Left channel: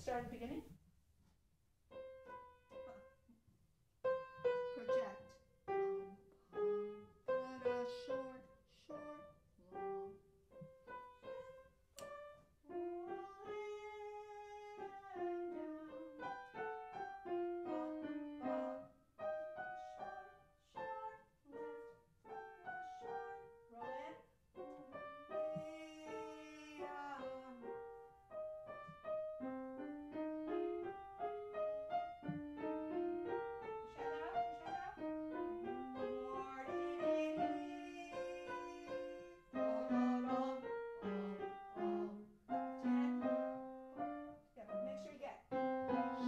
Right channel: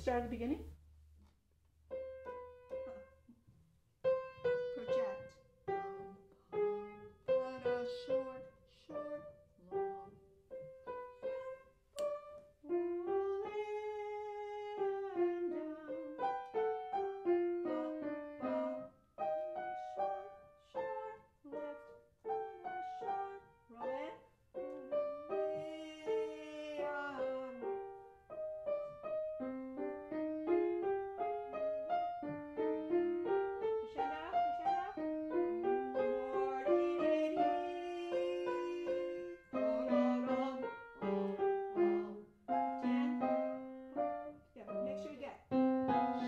Start at the beginning. Project.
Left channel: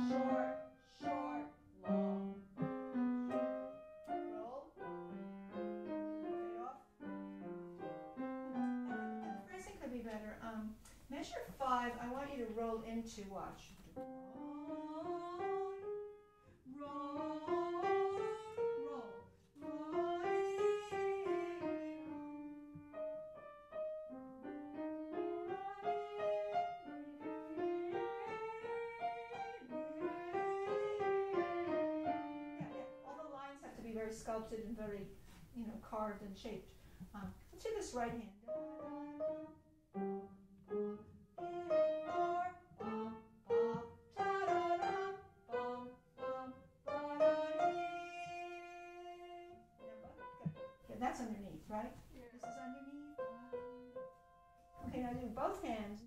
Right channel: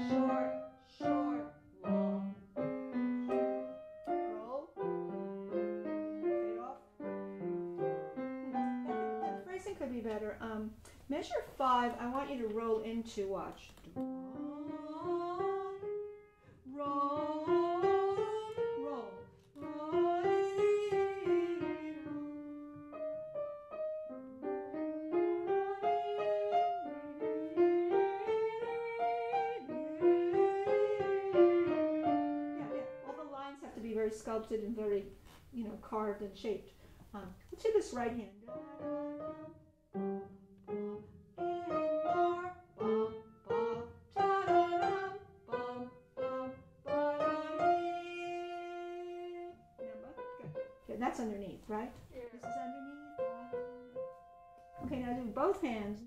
Short, short, long. Could be better. Measure 5, I want you to roll into, watch. Roll, roll, roll. Yeah. All the lines have to be very sculpted and very, carved and shaped. Let's do this right hand. That's underneath, right? Yeah. This is underneath. Okay, now do both hands.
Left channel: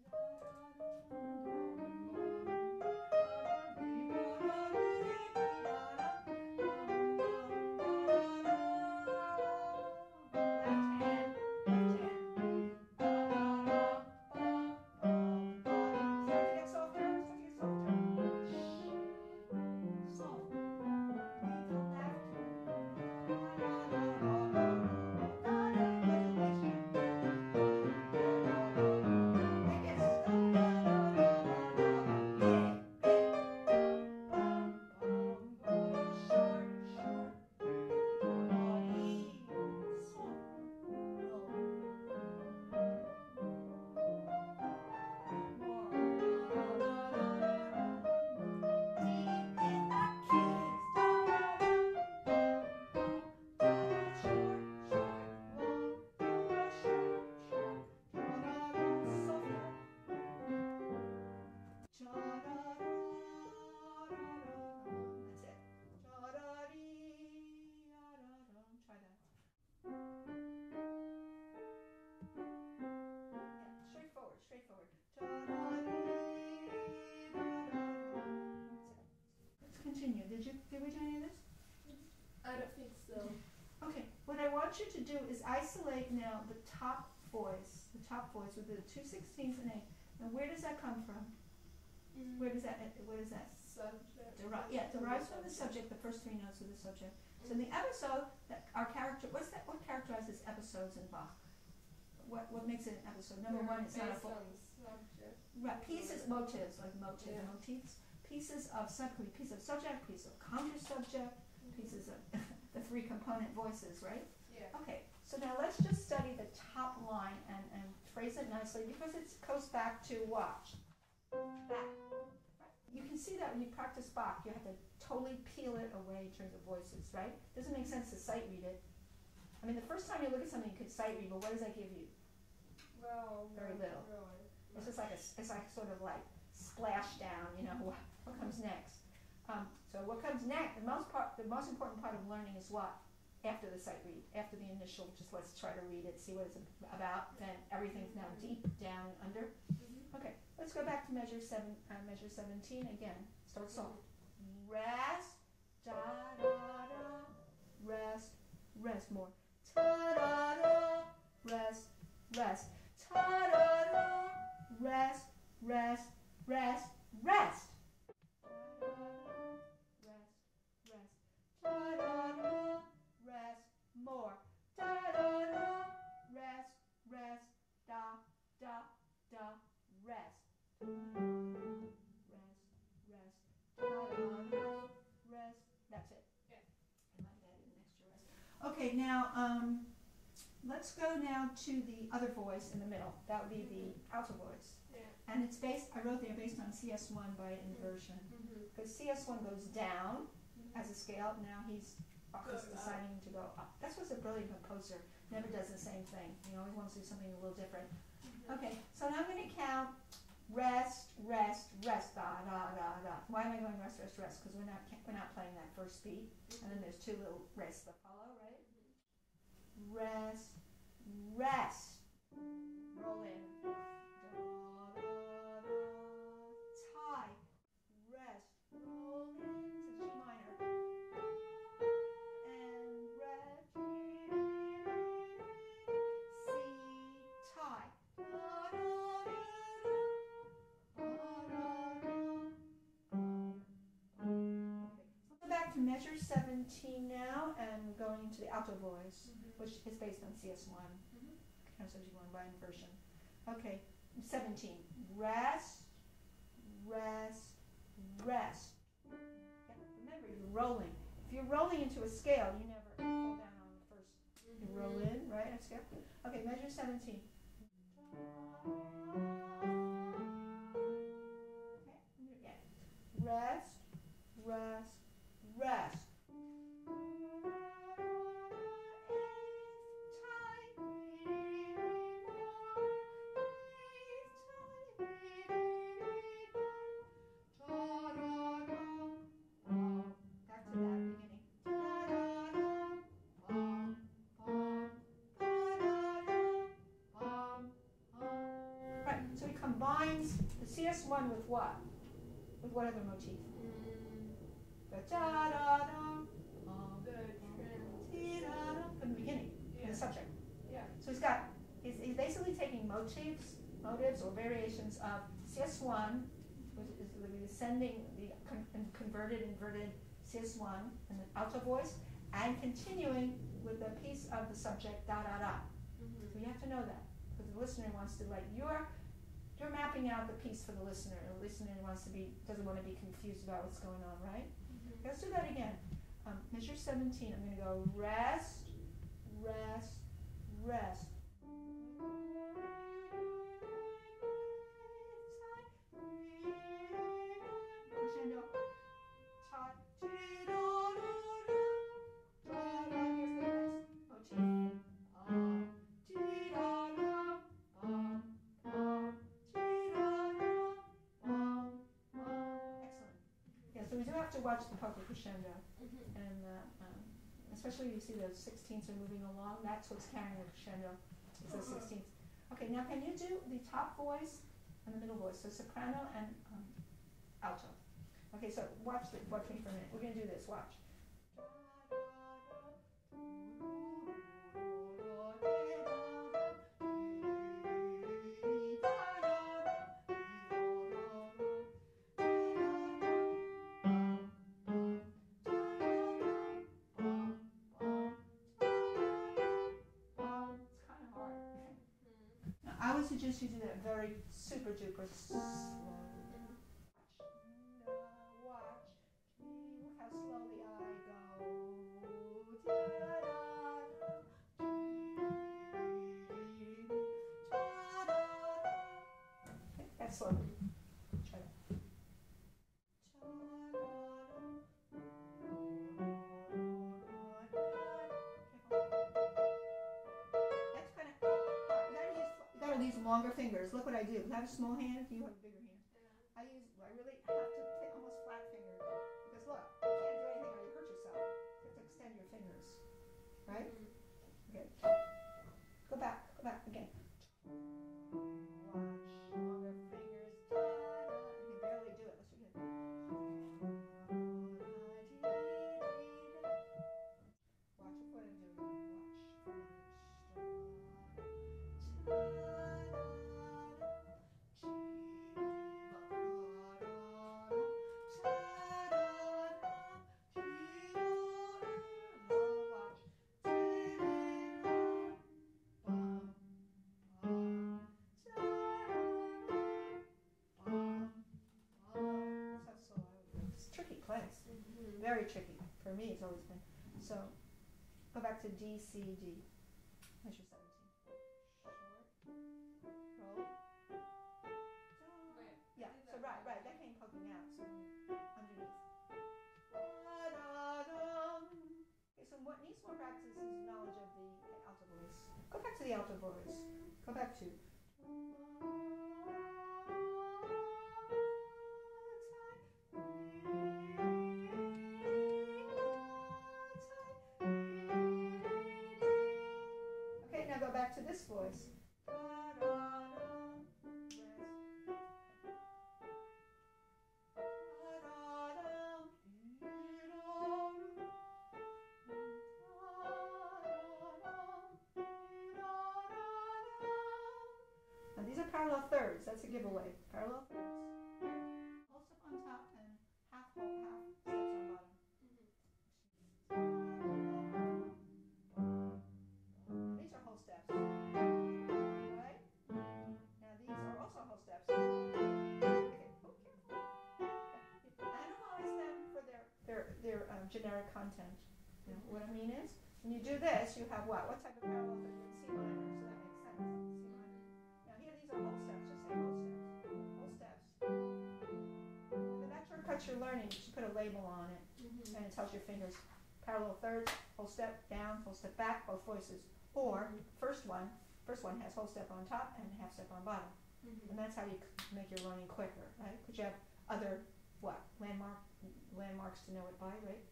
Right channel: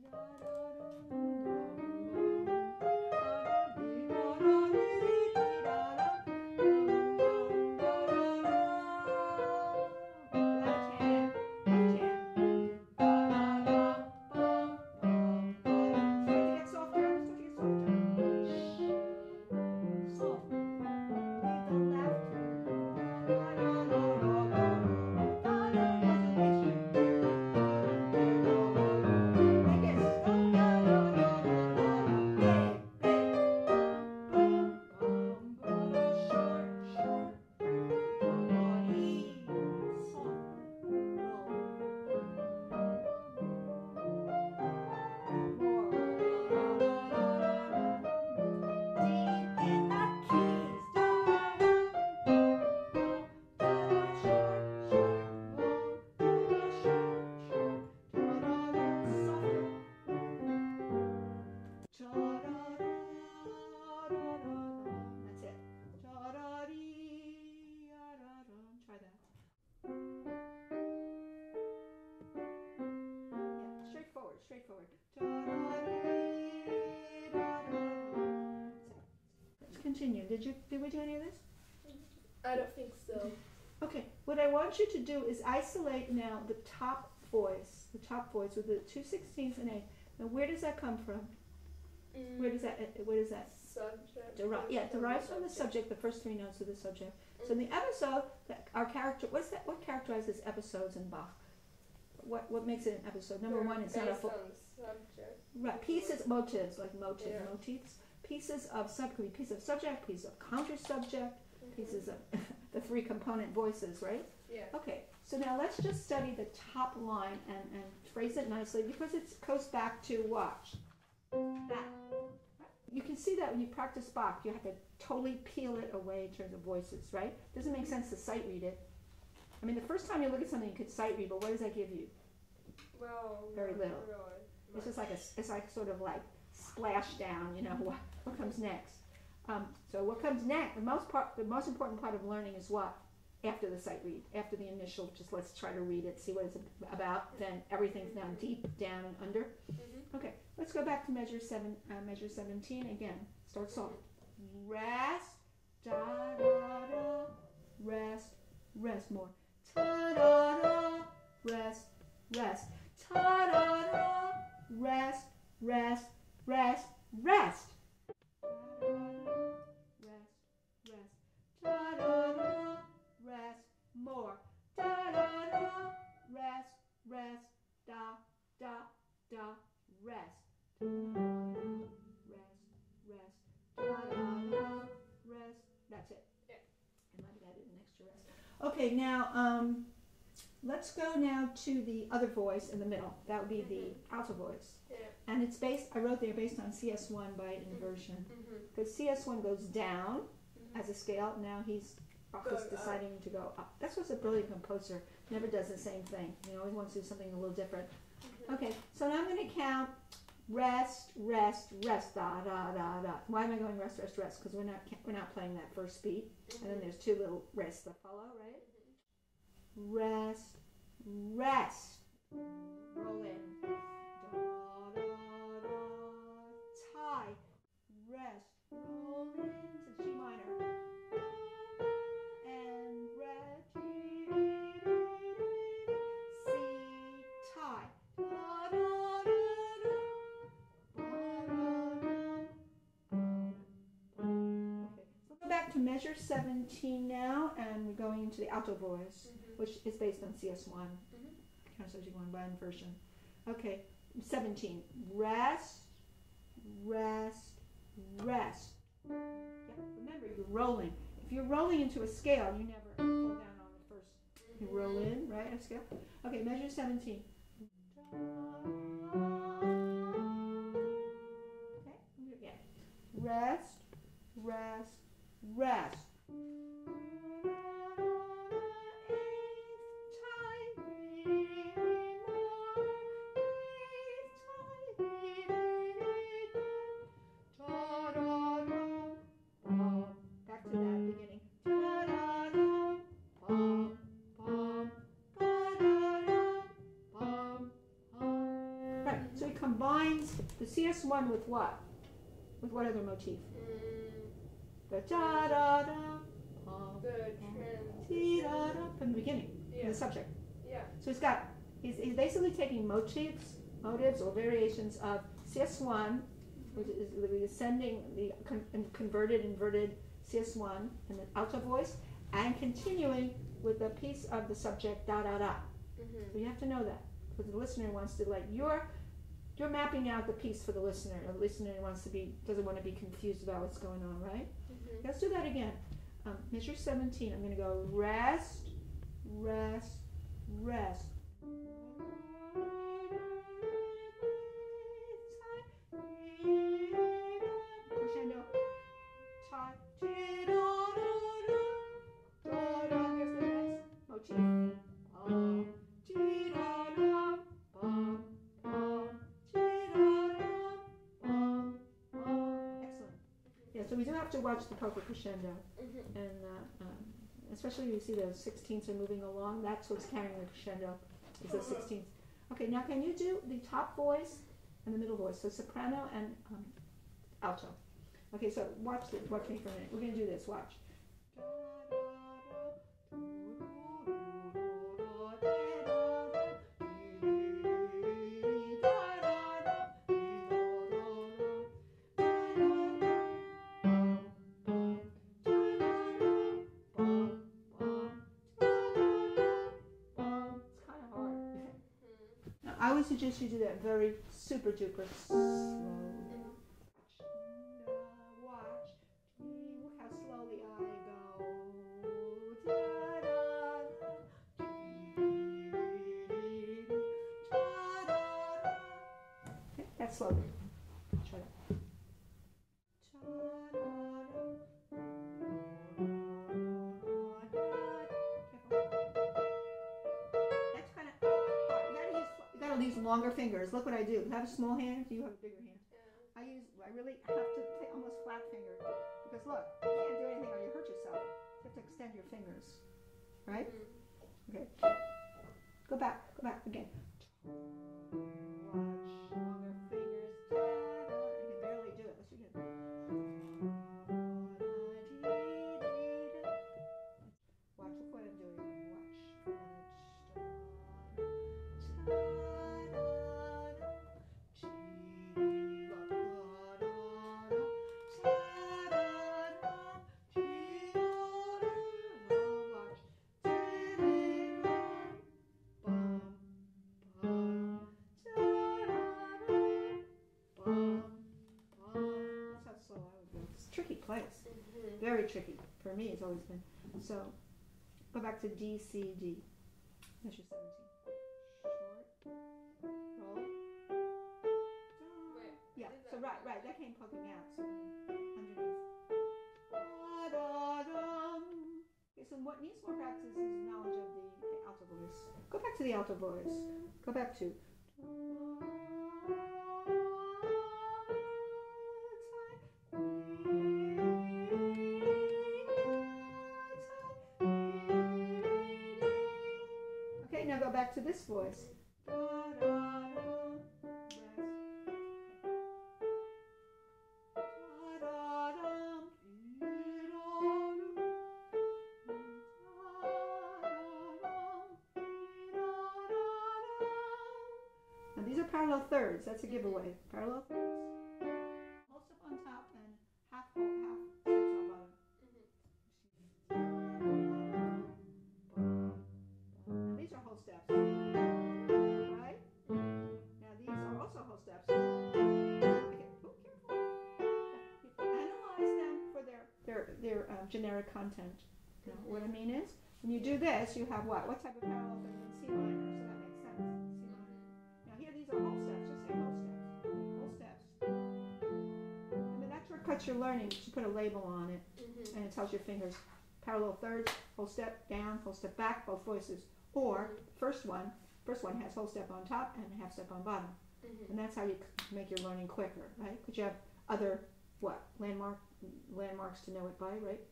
Straightforward. Let's continue. Did we do any of this? I don't think so. Okay. What I want you to do is isolate now the top voice with the 2/16 and 8. Now, where does that come from? Where does that? Subject. Derives from the subject. The first 3 notes of the subject. So in the episode, what characterizes episodes in Bach? What makes it an episode? Number 1, it's not a full. Right, pieces, motives, like motifs, pieces of subject, piece of subject, piece of counter subject, pieces of the 3 component voices, right? Yeah. Okay, so now let's just study the top line and phrase it nicely because it goes back to watch. That. You can see that when you practice Bach, you have to totally peel it away in terms of voices, right? Doesn't make sense to sight read it. I mean, the first time you look at something, you could sight read, but what does that give you? Well, very little. Really. It's just like it's like sort of like splash down. What comes next? So what comes next? The most important part of learning is what? After the sight read, after the initial. Just let's try to read it, see what it's about. Then everything's now deep down and under. Okay, let's go back to measure 17 again. Start soft. Rest, da da da. Rest, rest more. Ta da da. Rest, rest. Ta da da. Rest, rest, rest, rest. Rest, rest. Ta da da. Rest more. Da da da. Rest, rest. Da da da. Rest. Rest, rest. Da da da. Rest. That's it. Yeah. And let that in an extra rest. Okay, now let's go now to the other voice in the middle. That would be the alto voice. Yeah. And it's based, I wrote there, based on CS1 by inversion. Because CS1 goes down as a scale. Now Bach is deciding to go up. That's what's a brilliant composer. Never does the same thing. He always wants to do something a little different. Okay, so now I'm going to count rest, rest, rest, da, da, da, da. Why am I going rest, rest, rest? Because we're not playing that first beat. And then there's two little rests that follow, right? Rest, rest. Roll in. Da, da, da. Tie. Rest. Roll into G minor. And rest. C. Tie. Da, da, da, da. Ba, da, da. Okay. So go back to measure 17 now, and we're going into the alto voice, which is based on CS1. Counter 71 by inversion. Okay, 17. Rest, rest, rest. Yeah, remember, you're rolling. If you're rolling into a scale, you never pull down on the first. You roll in, right, a scale? Okay, measure 17. Okay, again. Rest, rest, rest. The CS1 with what? With what other motif? The da da da. From the beginning, from the subject. Yeah. So he's basically taking motives or variations of CS1, which is the ascending, the converted, inverted CS1 in the alto voice, and continuing with the piece of the subject da da da. So you have to know that, because the listener wants to you're mapping out the piece for the listener. The listener doesn't want to be confused about what's going on, right? Let's do that again. Measure 17. I'm going to go rest, rest, rest. Crescendo. Here's the next motif. So we do have to watch the polka crescendo, and especially you see those 16ths are moving along. That's what's carrying the crescendo, is those 16ths. Okay, now can you do the top voice and the middle voice? So soprano and alto. Okay, so watch me for a minute. We're going to do this. Watch. I would suggest you do that very super duper slow. Watch. Look how slowly I go. Okay, that's slowly. Try that. These longer fingers. Look what I do. I have a small hand. You have a bigger hand. I really have to play almost flat fingered, because look, you can't do anything or you hurt yourself. You have to extend your fingers, right? Okay. Go back again. Watch longer fingers. You can barely do it. Let's do it. Watch what I'm doing. Watch. Tricky place. Very tricky. For me, it's always been. So, go back to D, C, D. Measure 17. Short. Roll. poking out, so underneath. Da-da-dum. Okay, so what needs more practice is knowledge of the alto voice. Go back to the alto voice. Go back to. Okay, now go back to this voice. Now these are parallel thirds. That's a giveaway. Parallel thirds. Whole step on top and half steps on bottom. Now these are whole steps. Right? Now these are also whole steps. Okay. Oh, careful. Analyze them for their generic content. You know, what I mean is, when you do this, you have what? What type of parallel third? C minor, so that makes sense. C minor. Now here these are whole steps. Just say whole steps. Whole steps. And then that shortcut you're learning, you put a label on it, and it tells your fingers parallel thirds, whole step down, whole step back, both voices. Or first one has whole step on top and half step on bottom. And that's how you make your learning quicker, right? Because you have other landmarks to know it by, right?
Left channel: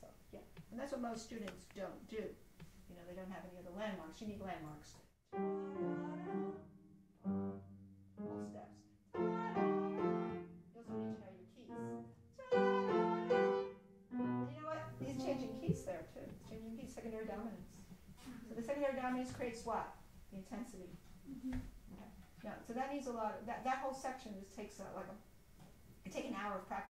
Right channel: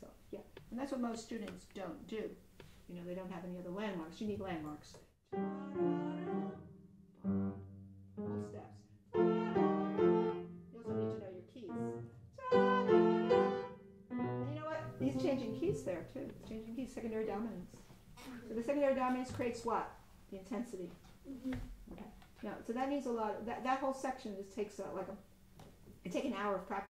So yeah, and that's what most students don't do. You know, they don't have any other landmarks. You need landmarks. Whole steps. You also need to know your keys. And you know what? These changing keys there too. Changing keys, secondary dominance. So the secondary dominance creates what? The intensity. Okay. Yeah. So that means a lot. That whole section just takes it take an hour of practice.